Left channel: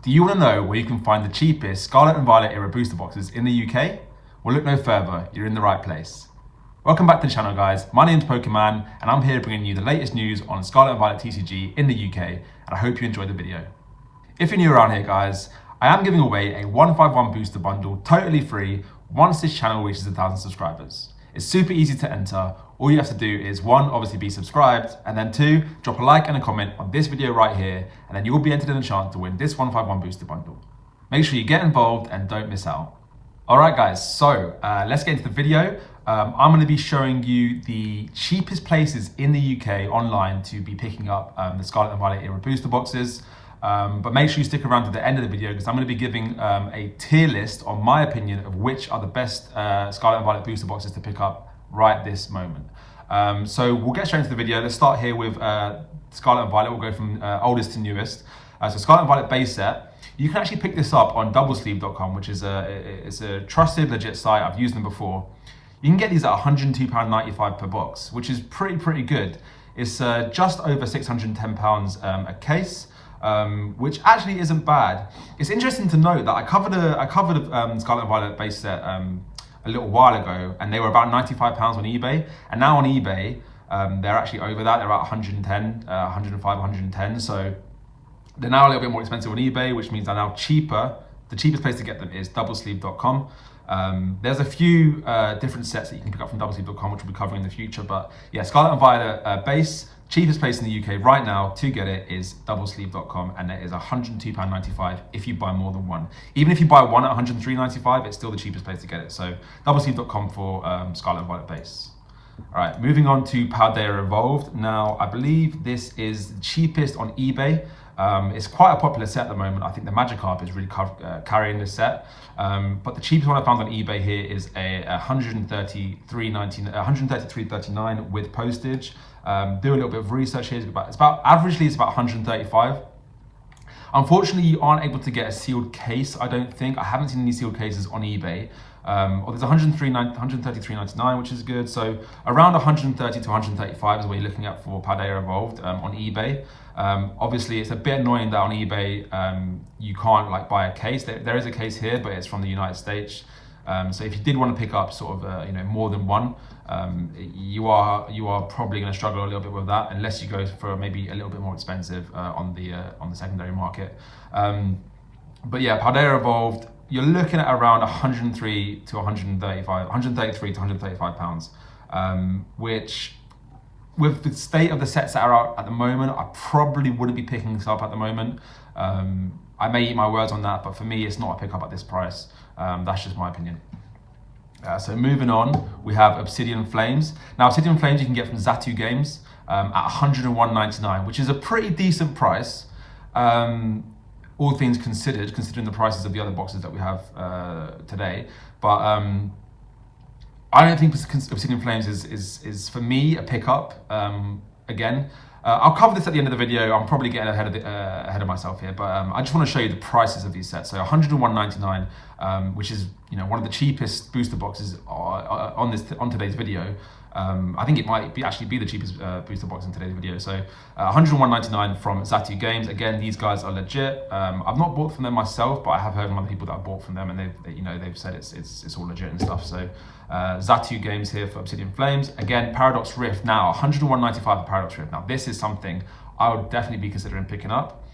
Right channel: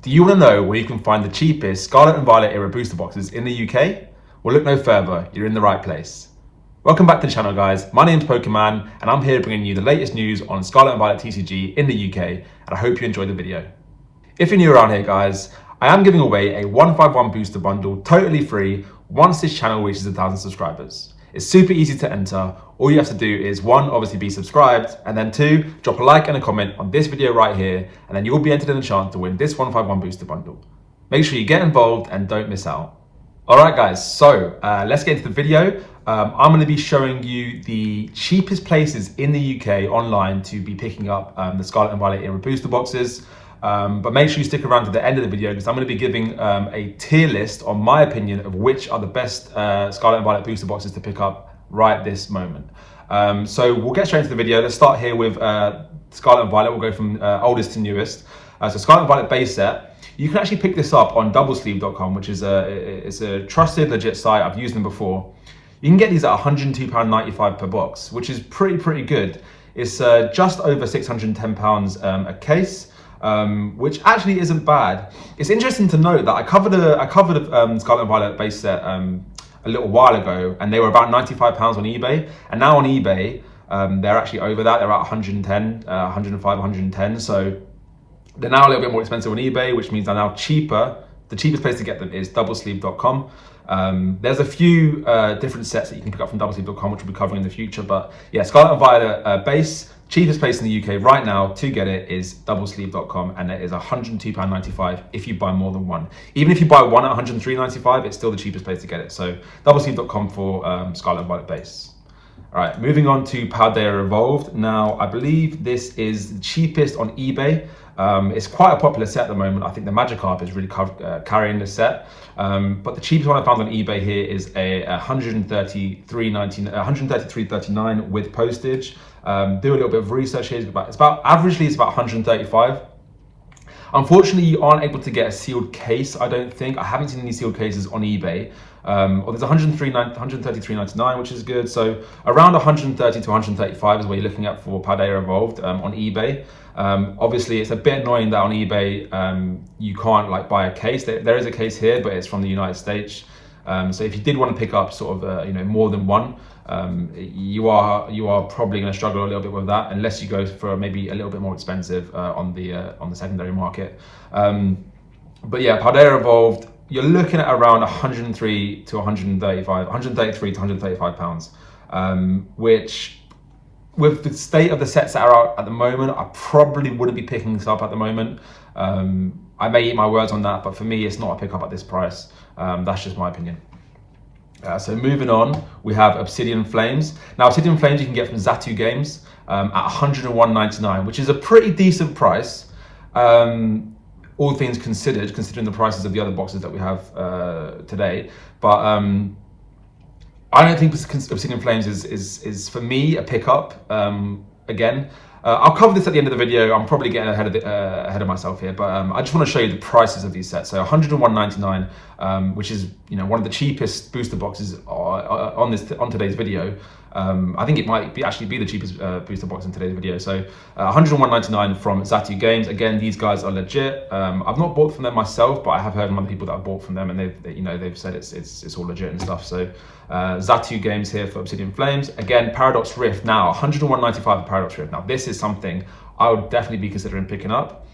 Do you want to know where you can find the cheapest Scarlet and Violet era booster boxes in the UK? Well, look no further, you're in the right place. Welcome back to the channel, guys. My name's Pokémon and I'm here bringing you the latest news on Scarlet and Violet TCG in the UK, and I hope you enjoy the video. If you're new around here, guys, I am giving away a 151 booster bundle totally free once this channel reaches 1,000 subscribers. It's super easy to enter. All you have to do is one, obviously be subscribed, and then two, drop a like and a comment on this video right here, and then you'll be entered in a chance to win this 151 booster bundle. Make sure you get involved and don't miss out. All right, guys, so let's get into the video. I'm going to be showing you the cheapest places in the UK online to be picking up the Scarlet and Violet era booster boxes. But make sure you stick around to the end of the video because I'm going to be giving a tier list on my opinion of which are the best Scarlet and Violet booster boxes to pick up right this moment. So we'll get straight into the video. Let's start here with Scarlet and Violet. We'll go from oldest to newest. So Scarlet and Violet base set. You can actually pick this up on doublesleeve.com, which is it's a trusted, legit site. I've used them before. You can get these at £102.95 per box, which is pretty good. It's just over £610 a case. Which actually isn't bad. It's interesting to note that I covered Scarlet and Violet base set a little while ago, and they were about £95 on eBay, and now on eBay they're actually over that. They're at 110, 105, 110. So they're now a little bit more expensive on eBay, which means they're now cheaper. The cheapest place to get them is doublesleeve.com. There's a few different sets that you can pick up from doublesleeve.com, which we'll be covering in the future. But yeah, Scarlet and Violet base. Cheapest place in the UK right now to get it is doublesleeve.com, and it is £102.95 if you buy more than one. Even if you buy one at £103.95, it's still the cheapest place to get it. So doublesleeve.com for Scarlet and Violet base. All right, moving on to Paldea Evolved. Now, I believe this is the cheapest on eBay. It's quite a popular set at the moment. I think the Magikarp is really carrying this set. But the cheapest one I found on eBay here is a £133.39 with postage. Do a little bit of research here. Averagely it's about 135. Unfortunately, you aren't able to get a sealed case. I don't think. I haven't seen any sealed cases on eBay. Or there's 133.99, which is good. So around 130 to 135 is what you're looking at for Paldea Evolved on eBay. Obviously, it's a bit annoying that on eBay you can't buy a case. There is a case here, but it's from the United States. So if you did want to pick up sort of more than one, you are probably going to struggle a little bit with that unless you go for maybe a little bit more expensive on the secondary market. But yeah, Paldea Evolved, you're looking at around 133 to 135 pounds, which with the state of the sets that are out at the moment, I probably wouldn't be picking this up at the moment. I may eat my words on that, but for me, it's not a pickup at this price. That's just my opinion. So moving on, we have Obsidian Flames. Now, Obsidian Flames you can get from Zatu Games at £101.99, which is a pretty decent price, all things considered, considering the prices of the other boxes that we have today. But I don't think Obsidian Flames is for me a pickup. Again, I'll cover this at the end of the video. I'm probably getting ahead of myself here, but I just want to show you the prices of these sets. So £101.99, which is one of the cheapest booster boxes on today's video. I think it might actually be the cheapest booster box in today's video. So £101.99 from Zatu Games. Again, these guys are legit. I've not bought from them myself, but I have heard from other people that have bought from them, and they've said it's all legit and stuff. So Zatu Games here for Obsidian Flames. Again, Paradox Rift now £101.95 for Paradox Rift. Now this is something I would definitely be considering picking up.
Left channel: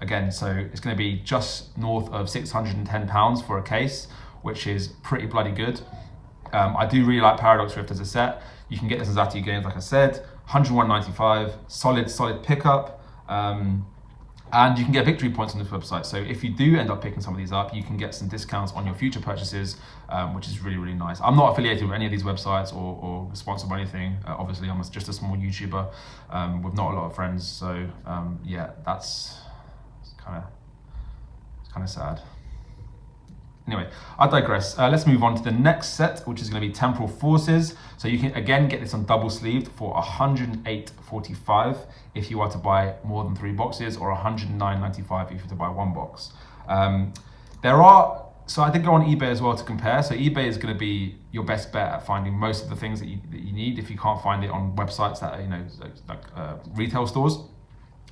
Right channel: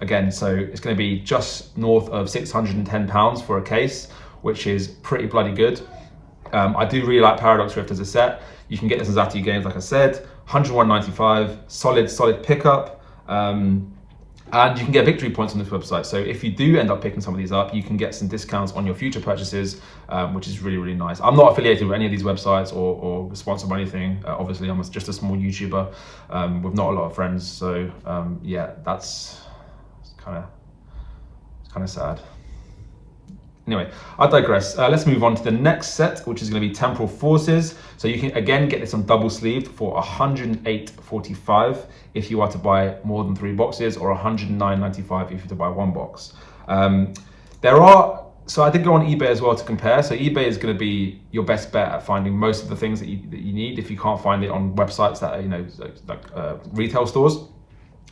Again, so it's going to be just north of £610 for a case, which is pretty bloody good. I do really like Paradox Rift as a set. You can get this in Zatu Games, like I said, £101.95, solid pickup. And you can get victory points on this website. So if you do end up picking some of these up, you can get some discounts on your future purchases, which is really nice. I'm not affiliated with any of these websites or sponsored by anything. Obviously, I'm just a small YouTuber with not a lot of friends. So yeah, it's kind of sad. Anyway, I digress. Let's move on to the next set, which is going to be Temporal Forces. So you can again get this on double sleeved for £108.45 if you are to buy more than 3 boxes, or £109.95 if you're to buy 1 box. So I did go on eBay as well to compare. So eBay is going to be your best bet at finding most of the things that you need if you can't find it on websites that are, like retail stores.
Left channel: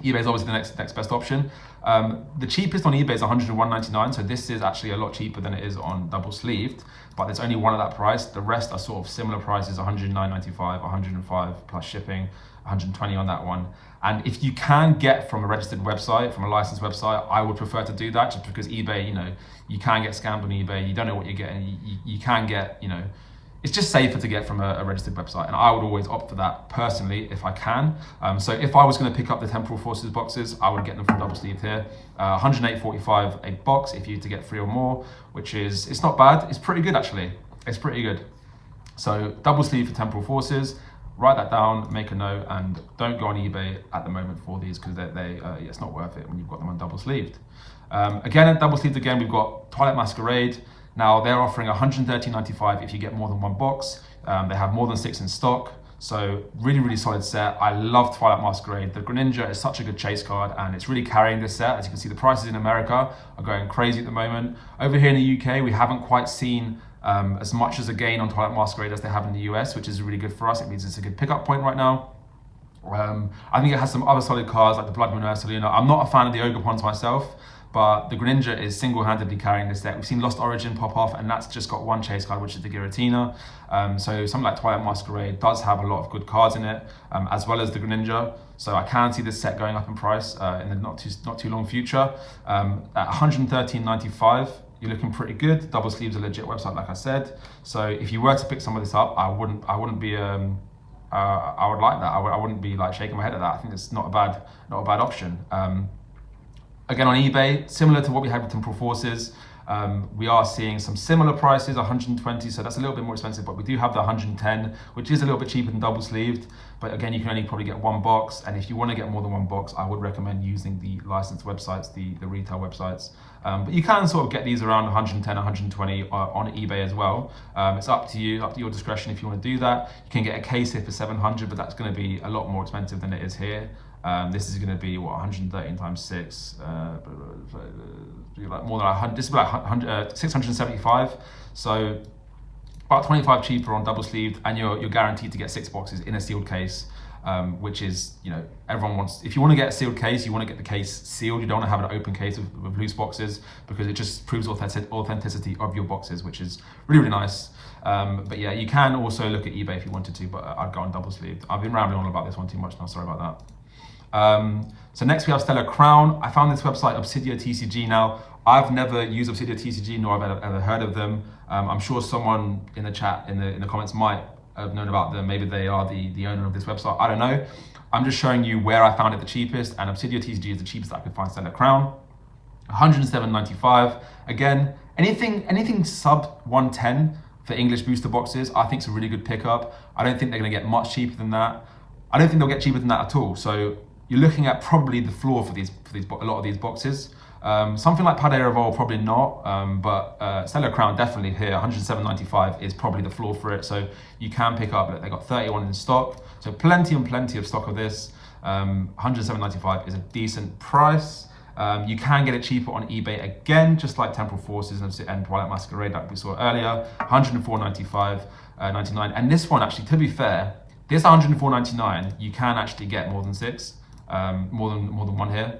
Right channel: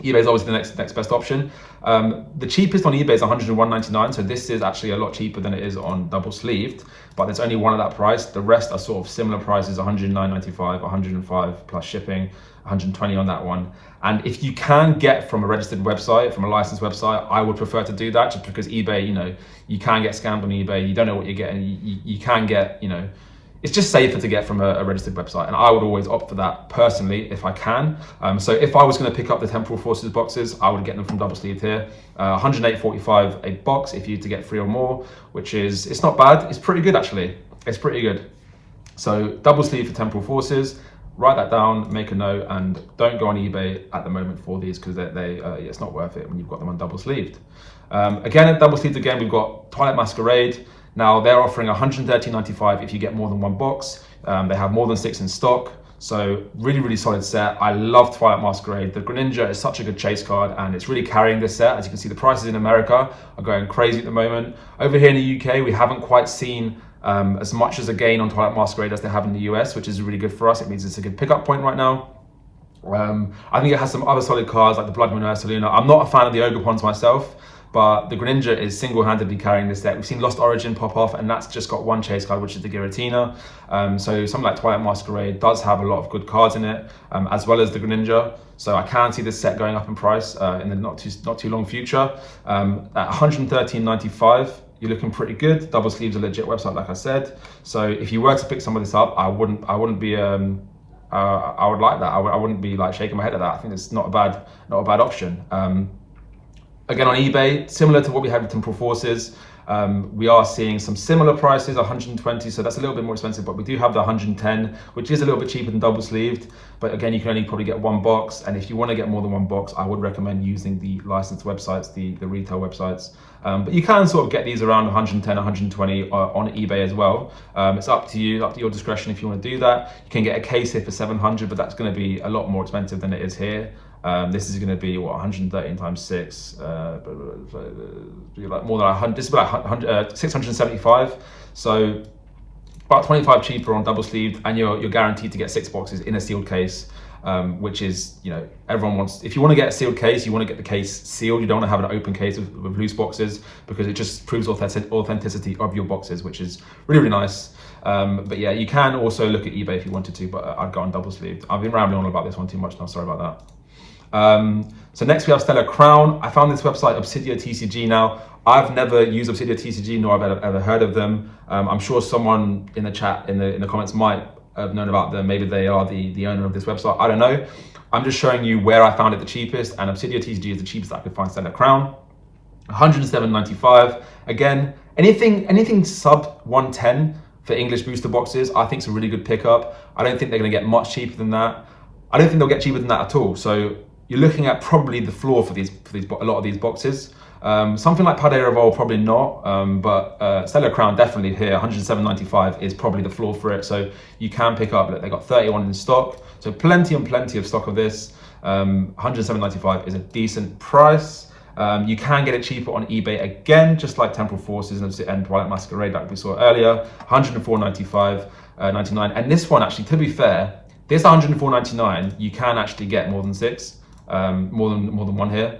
eBay is obviously the next best option. The cheapest on eBay is 101.99, so this is actually a lot cheaper than it is on double sleeved, but there's only one at that price. The rest are sort of similar prices, 109.95, 105 plus shipping, 120 on that one. And if you can get from a registered website, from a licensed website, I would prefer to do that, just because eBay, you can get scammed on eBay. You don't know what you're getting. You can get, it's just safer to get from a registered website, and I would always opt for that personally if I can. So if I was going to pick up the Temporal Forces boxes, I would get them from double sleeved here. 108.45 a box if you to get 3 or more, which it's not bad. It's pretty good actually. It's pretty good. So double sleeve for Temporal Forces. Write that down, make a note, and don't go on eBay at the moment for these, because it's not worth it when you've got them on double sleeved. Again, at double sleeved again, we've got Twilight Masquerade. Now they're offering 113.95 if you get more than 1 box. They have more than 6 in stock, so really, really solid set. I love Twilight Masquerade. The Greninja is such a good chase card, and it's really carrying this set. As you can see, the prices in America are going crazy at the moment. Over here in the UK, we haven't quite seen as much as a gain on Twilight Masquerade as they have in the US, which is really good for us. It means it's a good pickup point right now. I think it has some other solid cards like the Blood Moon Ursaluna. I'm not a fan of the Ogerpons myself, but the Greninja is single-handedly carrying this deck. We've seen Lost Origin pop off, and that's just got one chase card, which is the Giratina. So something like Twilight Masquerade does have a lot of good cards in it, as well as the Greninja. So I can see this set going up in price in the not too long future. At 113.95, you're looking pretty good. Double Sleeve's a legit website, like I said. So if you were to pick some of this up, I wouldn't be I would like that. I wouldn't be like shaking my head at that. I think it's not a bad option. Again, on eBay, similar to what we had with Temporal Forces, we are seeing some similar prices, 120, so that's a little bit more expensive, but we do have the 110, which is a little bit cheaper than double sleeved. But again, you can only probably get 1 box, and if you want to get more than 1 box, I would recommend using the licensed websites, the retail websites. But you can sort of get these around 110, 120 on eBay as well. It's up to you, up to your discretion if you want to do that. You can get a case here for 700, but that's going to be a lot more expensive than it is here. This is going to be 113 times 6, like more than 100. This is about 675. So about 25 cheaper on double sleeved, and you're guaranteed to get 6 boxes in a sealed case, which is, everyone wants. If you want to get a sealed case, you want to get the case sealed. You don't want to have an open case with loose boxes, because it just proves authenticity of your boxes, which is really, really nice. But yeah, you can also look at eBay if you wanted to, but I'd go on double sleeved. I've been rambling on about this one too much now. Sorry about that. So next we have Stellar Crown. I found this website, Obsidia TCG. Now, I've never used Obsidia TCG, nor have I ever heard of them. I'm sure someone in the chat, in the comments, might have known about them. Maybe they are the owner of this website. I don't know. I'm just showing you where I found it the cheapest, and Obsidia TCG is the cheapest I could find Stellar Crown. 107.95. Again, anything sub 110 for English booster boxes, I think is a really good pickup. I don't think they're going to get much cheaper than that. I don't think they'll get cheaper than that at all. So you're looking at probably the floor for a lot of these boxes. Something like Paldea Revolve, probably not, but Stellar Crown definitely here. 107.95 is probably the floor for it. So you can pick up. Look, they got 31 in stock, so plenty of stock of this. 107.95 is a decent price. You can get it cheaper on eBay again, just like Temporal Forces and Twilight Masquerade like we saw earlier. 104.99, and this one actually, to be fair, this 104.99 you can actually get more than 6. More than one here,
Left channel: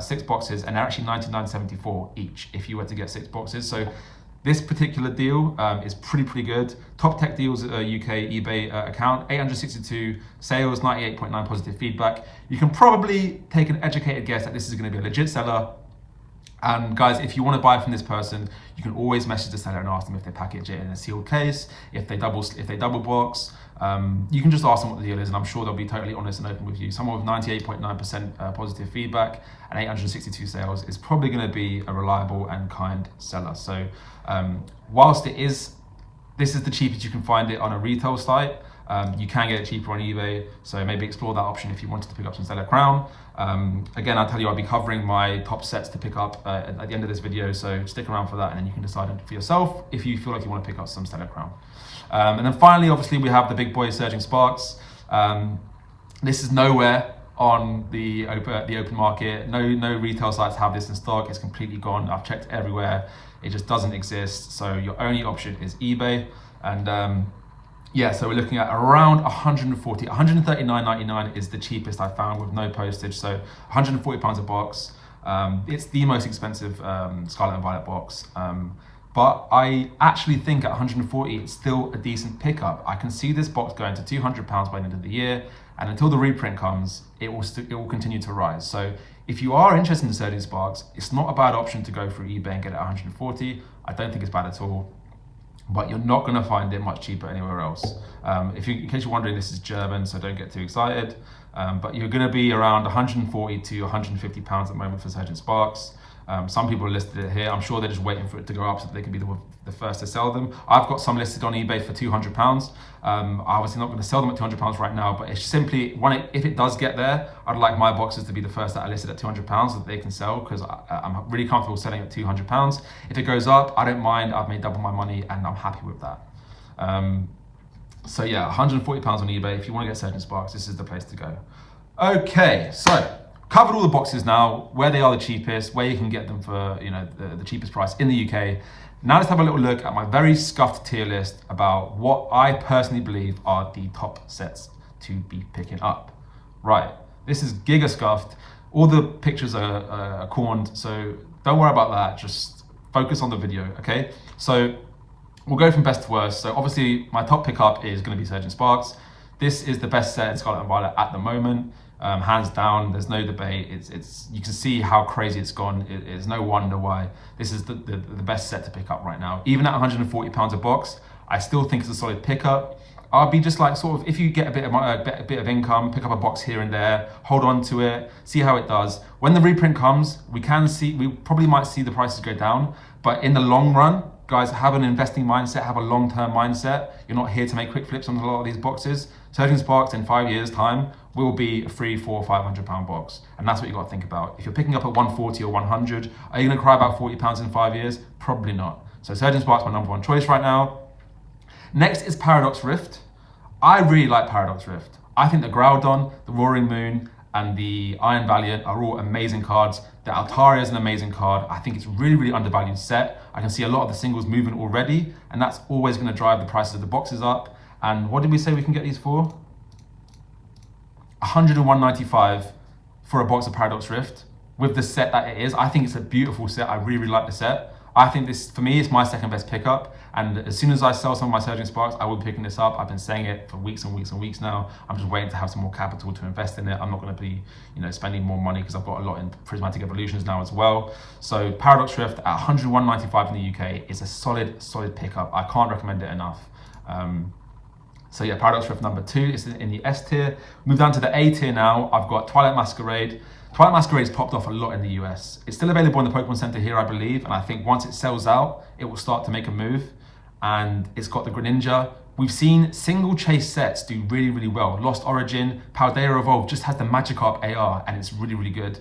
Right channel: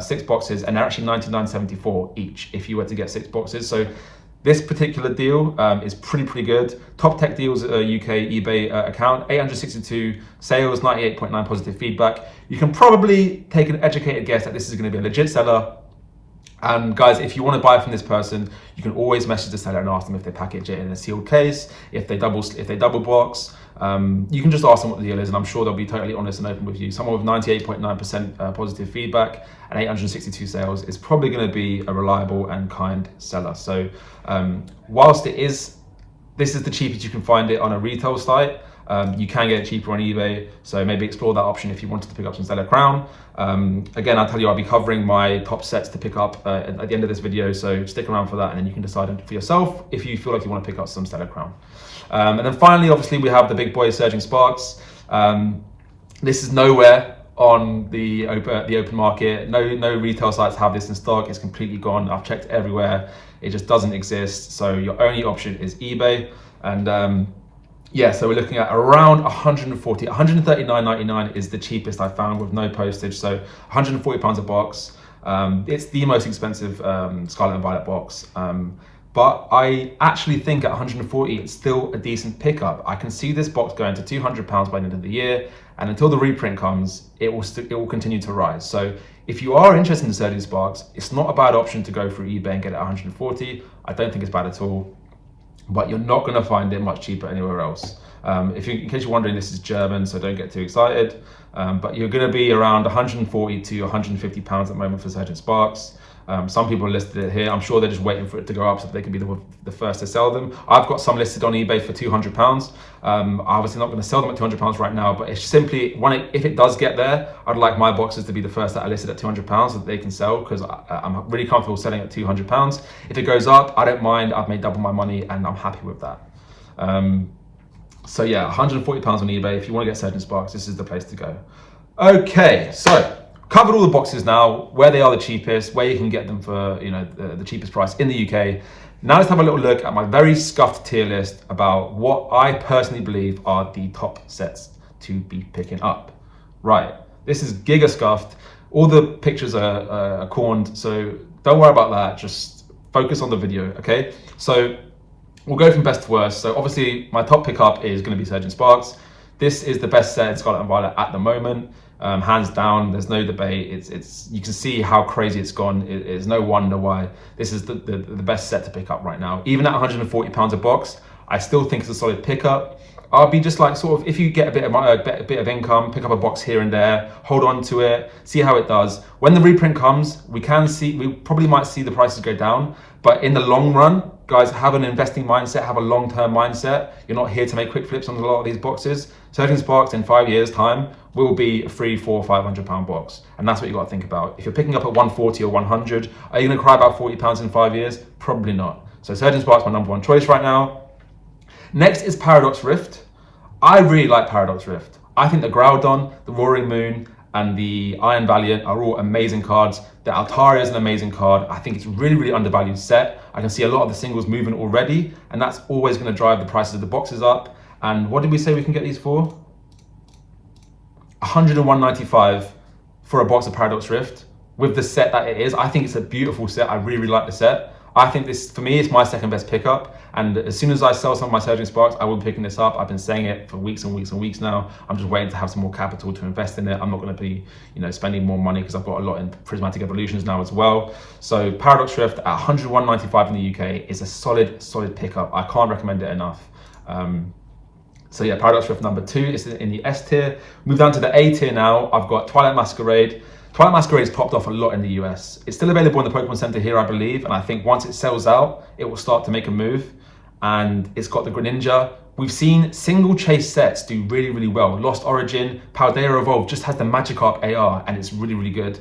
6 boxes, and they're actually 99.74 each if you were to get 6 boxes. So this particular deal is pretty good. Top Tech Deals UK eBay account, 862 sales, 98.9 positive feedback. You can probably take an educated guess that this is going to be a legit seller. And guys, if you want to buy from this person, you can always message the seller and ask them if they package it in a sealed case, if they double box. You can just ask them what the deal is, and I'm sure they'll be totally honest and open with you. Someone with 98.9% positive feedback and 862 sales is probably going to be a reliable and kind seller. So whilst this is the cheapest you can find it on a retail site, you can get it cheaper on eBay. So maybe explore that option if you wanted to pick up some Stellar Crown. Again, I'll tell you, I'll be covering my top sets to pick up at the end of this video. So stick around for that, and then you can decide for yourself if you feel like you want to pick up some Stellar Crown. And then finally, obviously, we have the big boy Surging Sparks. This is nowhere on the open market. No retail sites have this in stock. It's completely gone. I've checked everywhere. It just doesn't exist. So your only option is eBay. And Yeah, so we're looking at around 140, 139.99 is the cheapest I found with no postage. So 140 pounds a box. It's the most expensive Scarlet and Violet box. But I actually think at 140, it's still a decent pickup. I can see this box going to 200 pounds by the end of the year, and until the reprint comes, it will continue to rise. So if you are interested in Surging Sparks, it's not a bad option to go through eBay and get it at 140. I don't think it's bad at all, but you're not going to find it much cheaper anywhere else. In case you're wondering, this is German, so don't get too excited. But you're going to be around 140 to 150 pounds at the moment for Surging Sparks. Some people are listed it here. I'm sure they're just waiting for it to go up so that they can be the first to sell them. I've got some listed on eBay for £200. I'm obviously not going to sell them at £200 right now, but it's simply, if it does get there, I'd like my boxes to be the first that are listed at £200 so that they can sell, because I'm really comfortable selling at £200. If it goes up, I don't mind. I've made double my money and I'm happy with that. So yeah, £140 on eBay. If you want to get Surging Sparks, this is the place to go. Okay, so covered all the boxes now, where they are the cheapest, where you can get them for the cheapest price in the UK. Now let's have a little look at my very scuffed tier list about what I personally believe are the top sets to be picking up. Right, this is giga scuffed. All the pictures are corned, so don't worry about that. Just focus on the video, okay? So we'll go from best to worst. So obviously my top pickup is going to be Surging Sparks. This is the best set in Scarlet and Violet at the moment. Hands down, there's no debate. It's you can see how crazy it's gone. It's no wonder why this is the best set to pick up right now. Even at £140 a box, I still think it's a solid pickup. I'll be just like, sort of, if you get a bit of income, pick up a box here and there, hold on to it, see how it does. When the reprint comes, we probably might see the prices go down, but in the long run, guys, have an investing mindset, have a long-term mindset. You're not here to make quick flips on a lot of these boxes. Surging Sparks in 5 years' time will be a £300, £400, £500 box. And that's what you got to think about. If you're picking up at 140 or 100, are you going to cry about £40 in 5 years? Probably not. So Surging Sparks my number one choice right now. Next is Paradox Rift. I really like Paradox Rift. I think the Groudon, the Roaring Moon, and the Iron Valiant are all amazing cards. The Altaria is an amazing card. I think it's really, really undervalued set. I can see a lot of the singles moving already, and that's always going to drive the prices of the boxes up. And what did we say we can get these for? 101.95 for a box of Paradox Rift with the set that it is. I think it's a beautiful set. I really, really like the set. I think this, for me, is my second best pickup. And as soon as I sell some of my Surging Sparks, I will be picking this up. I've been saying it for weeks and weeks and weeks now. I'm just waiting to have some more capital to invest in it. I'm not going to be, spending more money because I've got a lot in Prismatic Evolutions now as well. So Paradox Rift at 101.95 in the UK is a solid pickup. I can't recommend it enough. So yeah, Paradox Rift number 2 is in the S tier. Move down to the A tier now. I've got Twilight Masquerade. Twilight Masquerade has popped off a lot in the US. It's still available in the Pokemon Center here, I believe, and I think once it sells out, it will start to make a move. And it's got the Greninja. We've seen single chase sets do really, really well. Lost Origin, Paldea Evolved just has the Magikarp AR, and it's really, really good.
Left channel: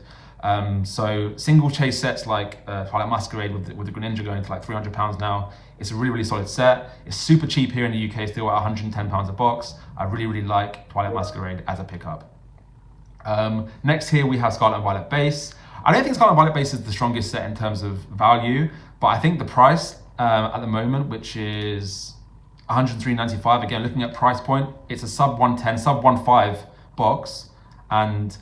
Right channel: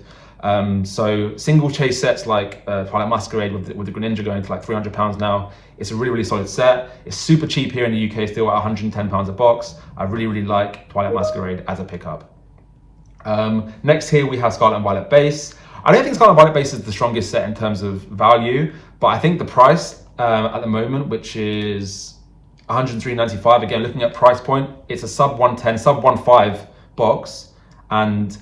So single chase sets like Twilight Masquerade with the Greninja going to like £300 now. It's a really, really solid set. It's super cheap here in the UK, still at £110 a box. I really, really like Twilight Masquerade as a pickup. Next here we have Scarlet and Violet Base. I don't think Scarlet and Violet Base is the strongest set in terms of value, but I think the price at the moment, which is £103.95, again, looking at price point, it's a sub 110, sub 1.5 box. And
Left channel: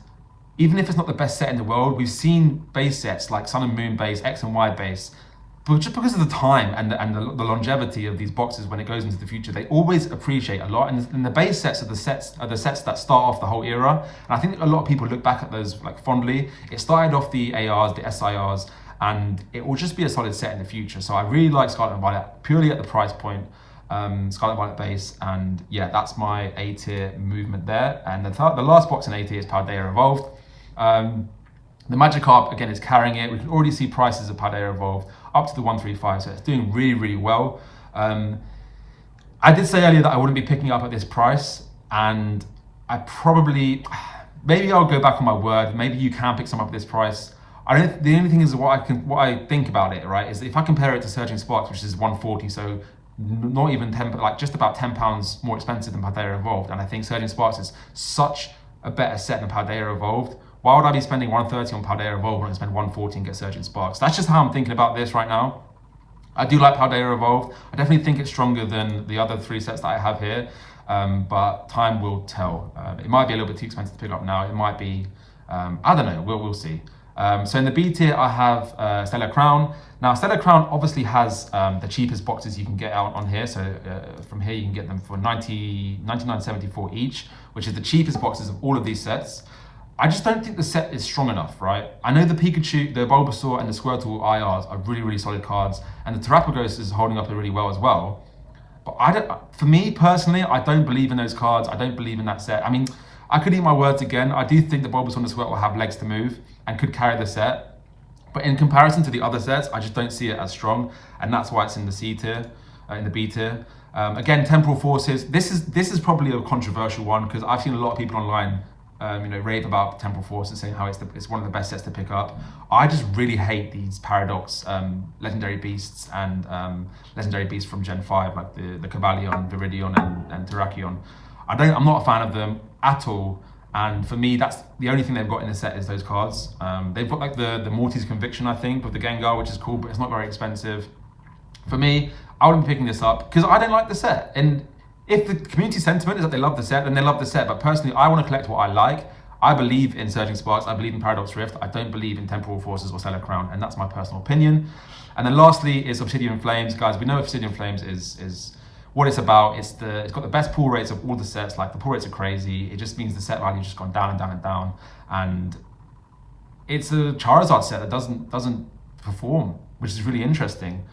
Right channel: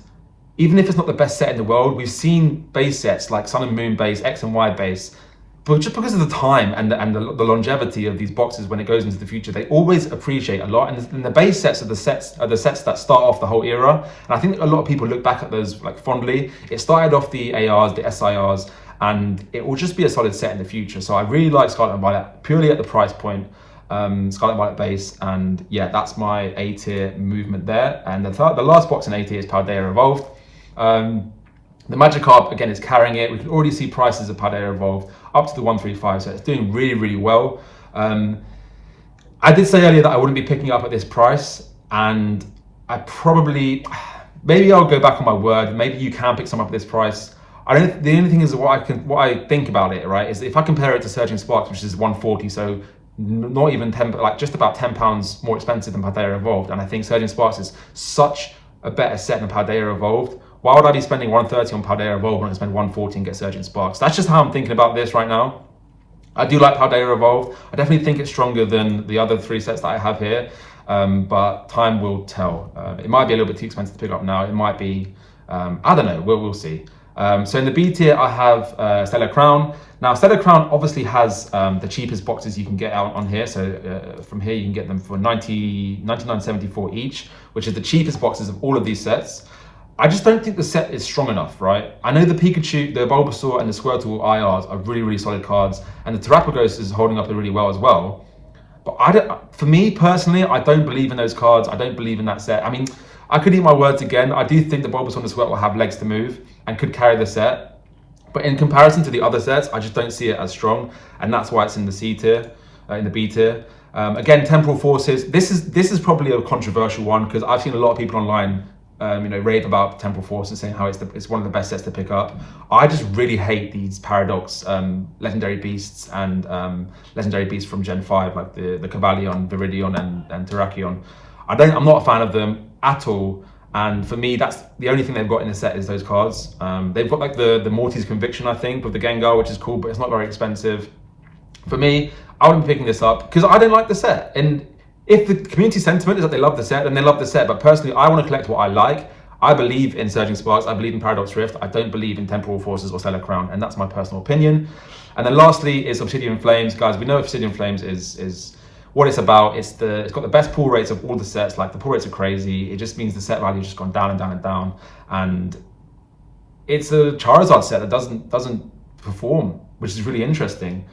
even if it's not the best set in the world, we've seen base sets like Sun and Moon base, X and Y base, but just because of the time and the longevity of these boxes when it goes into the future, they always appreciate a lot. And the base sets are the sets that start off the whole era. And I think a lot of people look back at those like fondly. It started off the ARs, the SIRs, and it will just be a solid set in the future. So I really like Scarlet and Violet purely at the price point. Scarlet and Violet base, and yeah, that's my A tier movement there. And the last box in A tier is Paldea Evolved. The Magikarp again is carrying it. We can already see prices of Paldea Evolved up to the 135, so it's doing really, really well. I did say earlier that I wouldn't be picking it up at this price, and maybe I'll go back on my word. Maybe you can pick some up at this price. The only thing is what I think about it, right, is if I compare it to Surging Sparks, which is 140, so not even 10, like just about £10 more expensive than Paldea Evolved, and I think Surging Sparks is such a better set than Paldea Evolved. Why would I be spending 130 on Paldea Evolved when I can spend 140 and get Surging Sparks? That's just how I'm thinking about this right now. I do like Paldea Evolved. I definitely think it's stronger than the other 3 sets that I have here, but time will tell. It might be a little bit too expensive to pick up now. It might be, I don't know, we'll see. So in the B tier, I have Stellar Crown. Now, Stellar Crown obviously has the cheapest boxes you can get out on here. So from here, you can get them for $99.74 each, which is the cheapest boxes of all of these sets. I just don't think the set is strong enough, right? I know the Pikachu, the Bulbasaur, and the Squirtle IRs are really, really solid cards, and the Terapagos is holding up really well as well. But for me personally, I don't believe in those cards. I don't believe in that set. I mean, I could eat my words again. I do think the Bulbasaur and the Squirtle will have legs to move and could carry the set. But in comparison to the other sets, I just don't see it as strong, and that's why it's in the C tier, in the B tier. Again, Temporal Forces. This is probably a controversial one because I've seen a lot of people online rave about Temporal Forces, saying how it's one of the best sets to pick up. I just really hate these Paradox Legendary Beasts and Legendary Beasts from Gen 5, like the Cavalion, Viridion, and Terrakion. I'm not a fan of them at all. And for me, that's the only thing they've got in the set is those cards. They've got like the Morty's Conviction, I think, with the Gengar, which is cool, but it's not very expensive. For me, I wouldn't be picking this up because I don't like the set. And if the community sentiment is that they love the set, then they love the set. But personally, I want to collect what I like. I believe in Surging Sparks. I believe in Paradox Rift. I don't believe in Temporal Forces or Stellar Crown, and that's my personal opinion. And then lastly is Obsidian Flames. Guys, we know Obsidian Flames is what it's about. It's got the best pull rates of all the sets. Like, the pull rates are crazy. It just means the set value has just gone down and down and down. And it's a Charizard set that doesn't perform, which is really interesting.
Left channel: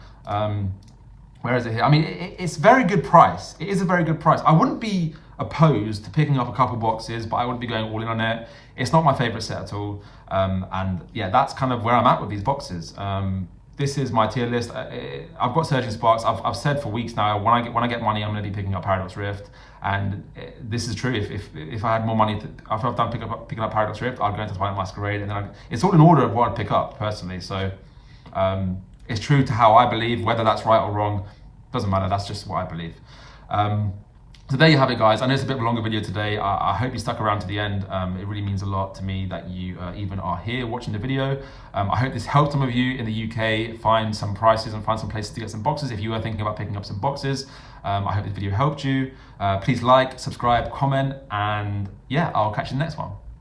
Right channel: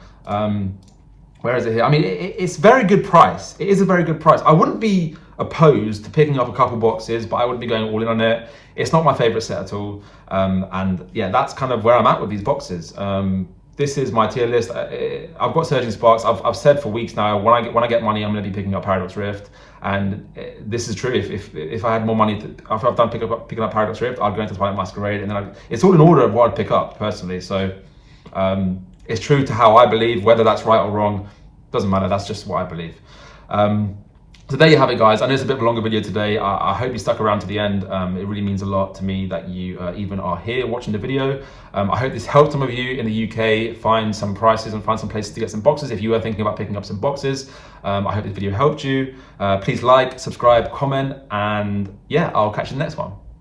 Where is it here? I mean, it's very good price. It is a very good price. I wouldn't be opposed to picking up a couple boxes, but I wouldn't be going all in on it. It's not my favorite set at all. And yeah, that's kind of where I'm at with these boxes. This is my tier list. I've got Surging Sparks. I've said for weeks now, when I get money, I'm going to be picking up Paradox Rift. And this is true. If I had more money, after I've done picking up Paradox Rift, I'll go into Twilight Masquerade, and then it's all in order of what I'd pick up personally. So it's true to how I believe. Whether that's right or wrong doesn't matter. That's just what I believe. So there you have it, guys. I know it's a bit of a longer video today. I hope you stuck around to the end. It really means a lot to me that you even are here watching the video. I hope this helped some of you in the UK find some prices and find some places to get some boxes if you are thinking about picking up some boxes. I hope this video helped you. Please like, subscribe, comment, and yeah, I'll catch you in the next one.